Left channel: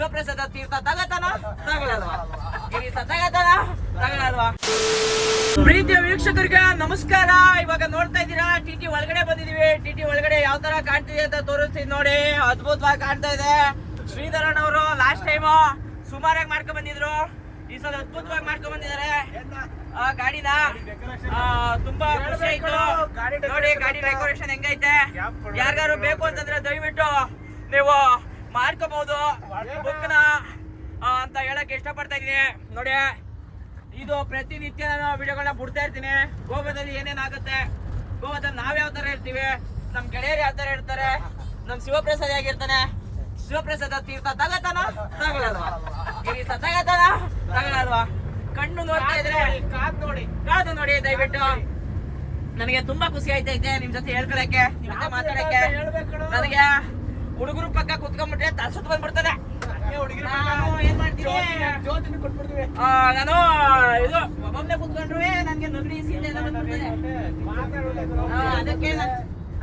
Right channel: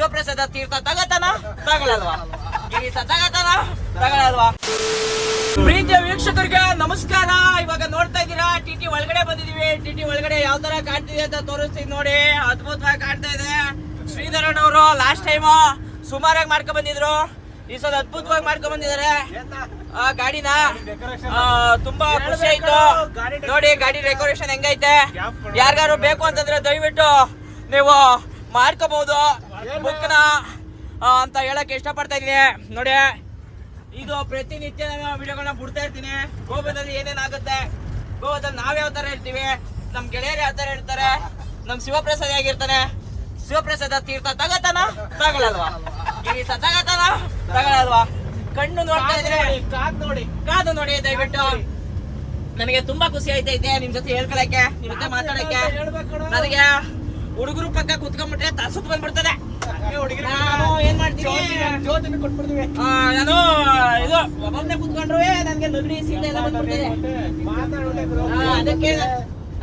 ಶಿವಪ್ರಸಾದ ತೀರ್ಥ ತಗತಾನ ತಗೊಳಲ್ವಾ? ಗಿರೀಶ ತಗತಾನ ತಗೊಳಲ್ವಾ? ಪ್ರೀತಿಯ ವೀಕ್ಷಕರಿಗೆ ನಮಸ್ಕಾರ. ಇವಾಗ ನೋಡ್ತಾ ಇದ್ದೀರಾ ಟಿಟಿ ಒಳಗಡೆ ಬಂದಿದೀವಿ. ಟಿಟಿ ಒಳಗಡೆ ಯಾವ ತರ ಕಾಣ್ತಿದೆ ಅಂತ ತೋರಿಸ್ತೀನಿ ನೋಡಿ. ಅದ್ಭುತವಾಗಿ ಕಾಣ್ತಾ ಇದೆ. ಶ್ರೀಧರನ್ ಅವರು ಲಾಸ್ಟ್ ಟೈಮ್ ಸುಮಾರಾಗಿ ಮಾಡ್ಕೊಂಡ್ ಬಂದಿದ್ರು, ಈ ಸಲ ಅದ್ಭುತವಾಗಿ ಮಾಡ್ಕೊಂಡ್ ಬಂದಿದ್ದಾರೆ ಗಾಡಿನ. ತುಂಬಾ ಖುಷಿ ಆಯ್ತು ನೋಡಿ ಗಾಡಿ ಡೆಕೋರೇಷನ್ ಹೆಂಗೈತೆ. ಯಾರಿಗಾರು ಬೇಕು ಅಂತಂದ್ರೆ ದಯವಿಟ್ಟು ನೀವು ಮಾಡ್ಕೋಬಹುದು ಬುಕ್ನ ಅಂತ ಹೇಳಕ್ ಇಷ್ಟಪಡ್ತಾ ಇದೀನಿ. ನೋಡಿ ಇದು ಪ್ರತಿನಿತ್ಯ ನಾನು ವಿಡಿಯೋಗಳನ್ನ ಬಿಡ್ತಾ ಇರ್ತೀನಿ. ಗೋವಾದಲ್ಲಿ ಏನೇನಾಗುತ್ತೆ, ಗೋವಾದಲ್ಲಿ ನಾವ್ ಯಾವ ತರ ಇರ್ತೀವಿ, ನಮ್ ಗೆಳೆಯರು ಯಾವ ತರ ಇರ್ತಾರೆ, ನಮ್ ಶಿವಪ್ರಸಾದ್ ಹೇಗಿರ್ತಾರೆ, ಶಿವಪ್ರಸಾದ ತೀರ್ಥ ತಗತಾನ ತಗೊಳಲ್ವಾ? ಗಿರೀಶ ತಗತಾನ ತಗೊಳಲ್ವಾ? ಕಣ್ಣು ನೋಡ್ತಾ ಇದ್ರೆ ಕಾದು ನೋಡಿ ದಯವಿಟ್ಟು. ನನಗೆ ತುಂಬಾ ಖುಷಿ ಆಯ್ತೈತೆ ನಿಮ್ ಜೊತೆ ಹೇಳ್ಕೊಳಕ್ಕೆ, ನಿಮ್ ಜೊತೆ ಮಾತಾಡಕ್ಕೆ. ನನಗೆ ಹುಡುಗರು ಪಕ್ಕ ಕುತ್ಕೊಂಡ್ಬಿಟ್ರೆ ತರ್ಸುತ್ ಬಂದ್ಬಿಡ್ತದೆ. ನಾನು ಏನ್ ಮಾಡ್ತೀನಿ, ನಾನು ಇದು ಒಬ್ಬೊಬ್ನೆ ಕುತ್ಕೊಂಡ್ರು ನನ್ಗೆ ನಗಡಿ ಸೀಟ ಎಲ್ಲ ಬಂದ್ಬಿಡ್ತದೆ.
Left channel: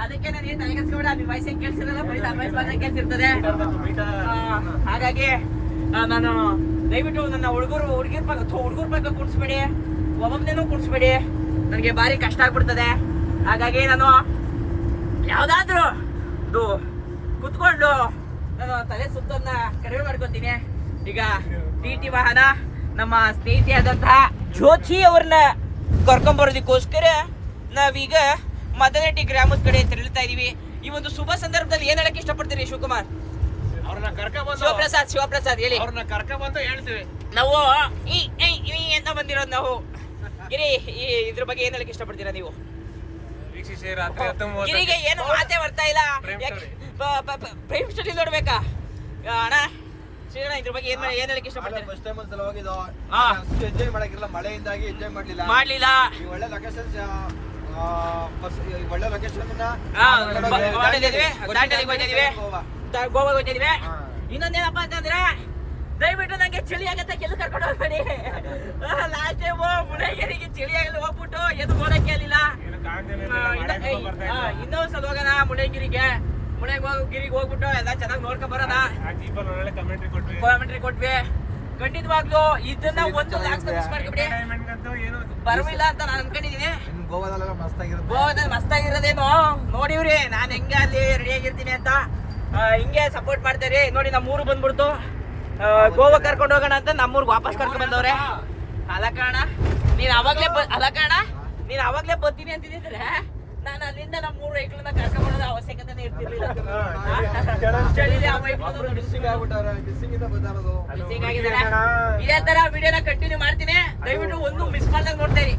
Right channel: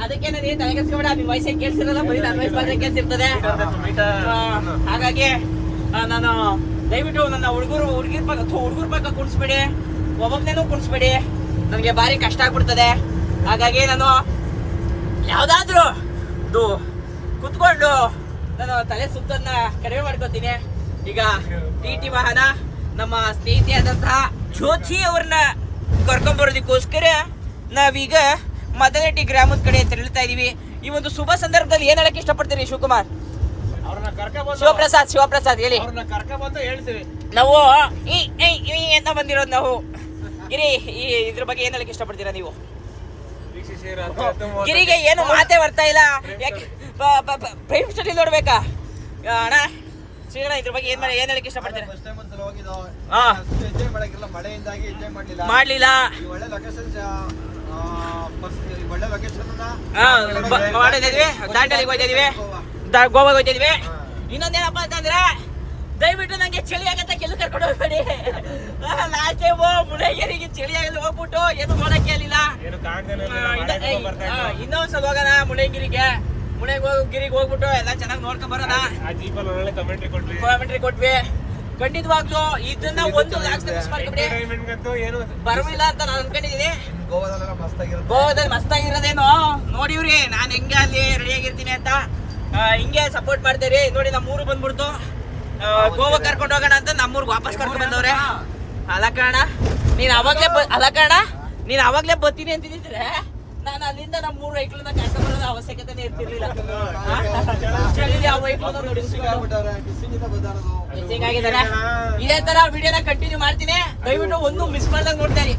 ಅದಕ್ಕೆ ನಾನು ಏನ್ ತಲೆಗೆಸ್ಕೊಬೇಡ, ನಿಮ್ ವಯಸ್ಸಿಗೆ ಕೇಳ್ಸಿರಲ್ಲ, ಬರೀ ನನ್ನ ವಯಸ್ಸು ಕೇಳ್ಸಿರ್ತದೆ. ಹಾಗಾಗಿ ನಾನು ದಯವಿಟ್ಟು ನನ್ನ ಹುಡುಗರ ಪಕ್ಕ ಕುಣಿಸ್ಬೇಡಿ, ಒಬ್ಬೊಬ್ನೇನು ಕುಣಿಸ್ಬೇಡಿ. ನನಗೆ ಭಾರಿ ಕಷ್ಟ ಆಗ್ಬಿಡ್ತದೆ. ಹಾಗಾಗಿ ನಾನು ಯಾವ್ದಾದ್ರು ಕುತ್ಕೊಂಡು ನಾನು ತಲೆ ಸುತ್ತನ್ನ ಕಡಿಮೆ ಮಾಡ್ಕೊತೀನಿ. ಈಗ ಟಿ ವಾಹನ ನಮ್ಮ ಸ್ನೇಹಿತೆಯಾದಂತಹ ಜ್ಯೋತಿ ಅವ್ರನ್ನ ಕರ್ಕೊಂಡ್ಬರೋದಕ್ಕೋಸ್ಕರ ನಾವೀಗ ಮದನಟ್ಟಿ ಗ್ರಾಮದ ಕಡೆ ತೆರಳುತ್ತಾ ಇದೀವಿ. ಈ ಒಂದು ಶುಭ ಸಂದರ್ಭದಲ್ಲಿ ಏನ್ ಹೇಳಕ್ ಇಷ್ಟಪಡ್ತೀರಿ ಶಿವಕುಮಾರ್? ಶಿವಪ್ರಸಾದ್ ಹೇಳಿ. ಹೇಳ್ತೀವಿ ನಾವು ಅಂತ ಬಂದಿರೋದು ನಾವು. ಗಿರಿ ಇದ್ರ ಬಗ್ಗೆ ಏನ್ ಹೇಳಕ್ ಇಷ್ಟಪಡ್ತೀರಾ ನೀವು? ಗಿರಿಗೆ ಏನು ಮಾತೇ ಬರ್ತಾ ಇಲ್ಲ. ಪ್ರೈಮ್ ಸ್ಟಡಿ ನೋಡ್ಬೇಕಾ ಅಣ್ಣ? ಶ್ರೀಗಣ ಇದ್ರ ಬಗ್ಗೆ ಏನ್ ಹೇಳಕ್ ಇಷ್ಟಪಡ್ತೀರಾ? ಮಾಡ್ಲಿಲ್ಲ. ದಾಂಡಲಿಗೆ ಹೋಗ್ತಿದೀವಿ, ಗೋವಾಗ ಹೋಗ್ತಿದೀವಿ. ಇನ್ನೊಂದೇನಪ್ಪ ಅಂತಂದ್ರೆ ದಯವಿಟ್ಟು ನಂಗೆ ಚಳಿ ಆಗತ್ತೆ, ಕೆಲ್ಸ ಕರ್ಕೊಂಡು ಹೋಗ್ಬೇಡಿ. ಲಾಸ್ಟ್ ಟೈಮ್ ಮುಳಗಿರಿಗೆ ಚಳಿ ಆಗಲಿ ಹೋಗ್ಬಿಟ್ಟು ಏನು ನೋಡಕ್ಕೆ ಆಗಲಿಲ್ಲ. ಇನ್ನೊಂದ್ಸಲ ಹೋಗೋಣ ಮುಳಗಿರಿಗೆ ಹೋಗ್ಬಿಟ್ಟು ಎಲ್ಲ ಚೆನ್ನಾಗಿ ನೋಡ್ಕೊಂಡ್ ಬರೋಣ. ಕಾಮೆಂಟ್ರಿ ಕೊಟ್ವಿ. ಖಂಡಿತವಾಗ್ಲೂ ಇದನ್ನ ಒಂದು ಲಾಕ್ಸ್ ಮಿಸ್ ಮಾಡ್ಕೊಬಿಡಿ. ಬರವಿಲ್ಲ ಅಂತ ನಾನು ಅನ್ಕೊಂಡಿದೀನಿ. ಗೋವಾದಲ್ಲಿ ಮಸ್ತಾಗಿರೋದೇನೋ ನೋಡಿವ್ರಿ. ನಾನು ಹೆಂಗೆ ಅಲ್ಲಿ ರೆಡಿ ಆಗಿರ್ತೀನಿ ಅಂತ ಹಿಂಗೆ ಸಪೋರ್ಟ್ ಮಾಡ್ತೀರಿ ನೋಡಿ. ನಮ್ಮೂರು ಬಂದ್ಬಿಡ್ತು, ಗೋವಾ ಕರ್ಕೊಂಡು ಹೋಗೋಣ ಅಂತ ನಮ್ಮೂರ್ಗೆ ವಾಪಸ್ ಕರ್ಕೊಂಡ್ ಬಂದವ್ರೆ. ಅಲ್ಲ ಕಾರಣ ನೀನ್ ಅವಾಗ್ಲೇ ಬರ್ತೀನಿ ಅಂತಿದ್ರೆ ನಾನು ಅಲ್ಲಿಂದ ನಮ್ಮೂರು ಐಕ್ಳನ್ನ ಕರ್ಕೊಂಡ್ ಬರೋದ ಅವಶ್ಯಕತೆ ಇರ್ತಿರ್ಲಿಲ್ಲ. ಇದೇ ತರ ವಿಡಿಯೋನ ಕಂಟಿನ್ಯೂ ಮಾಡ್ತೀನಿ. ದಯವಿಟ್ಟು ಒಂದು ಮಿಸ್ ಮಾಡ್ದಂಗ್ ನೋಡ್ತಾ ಇರಿ.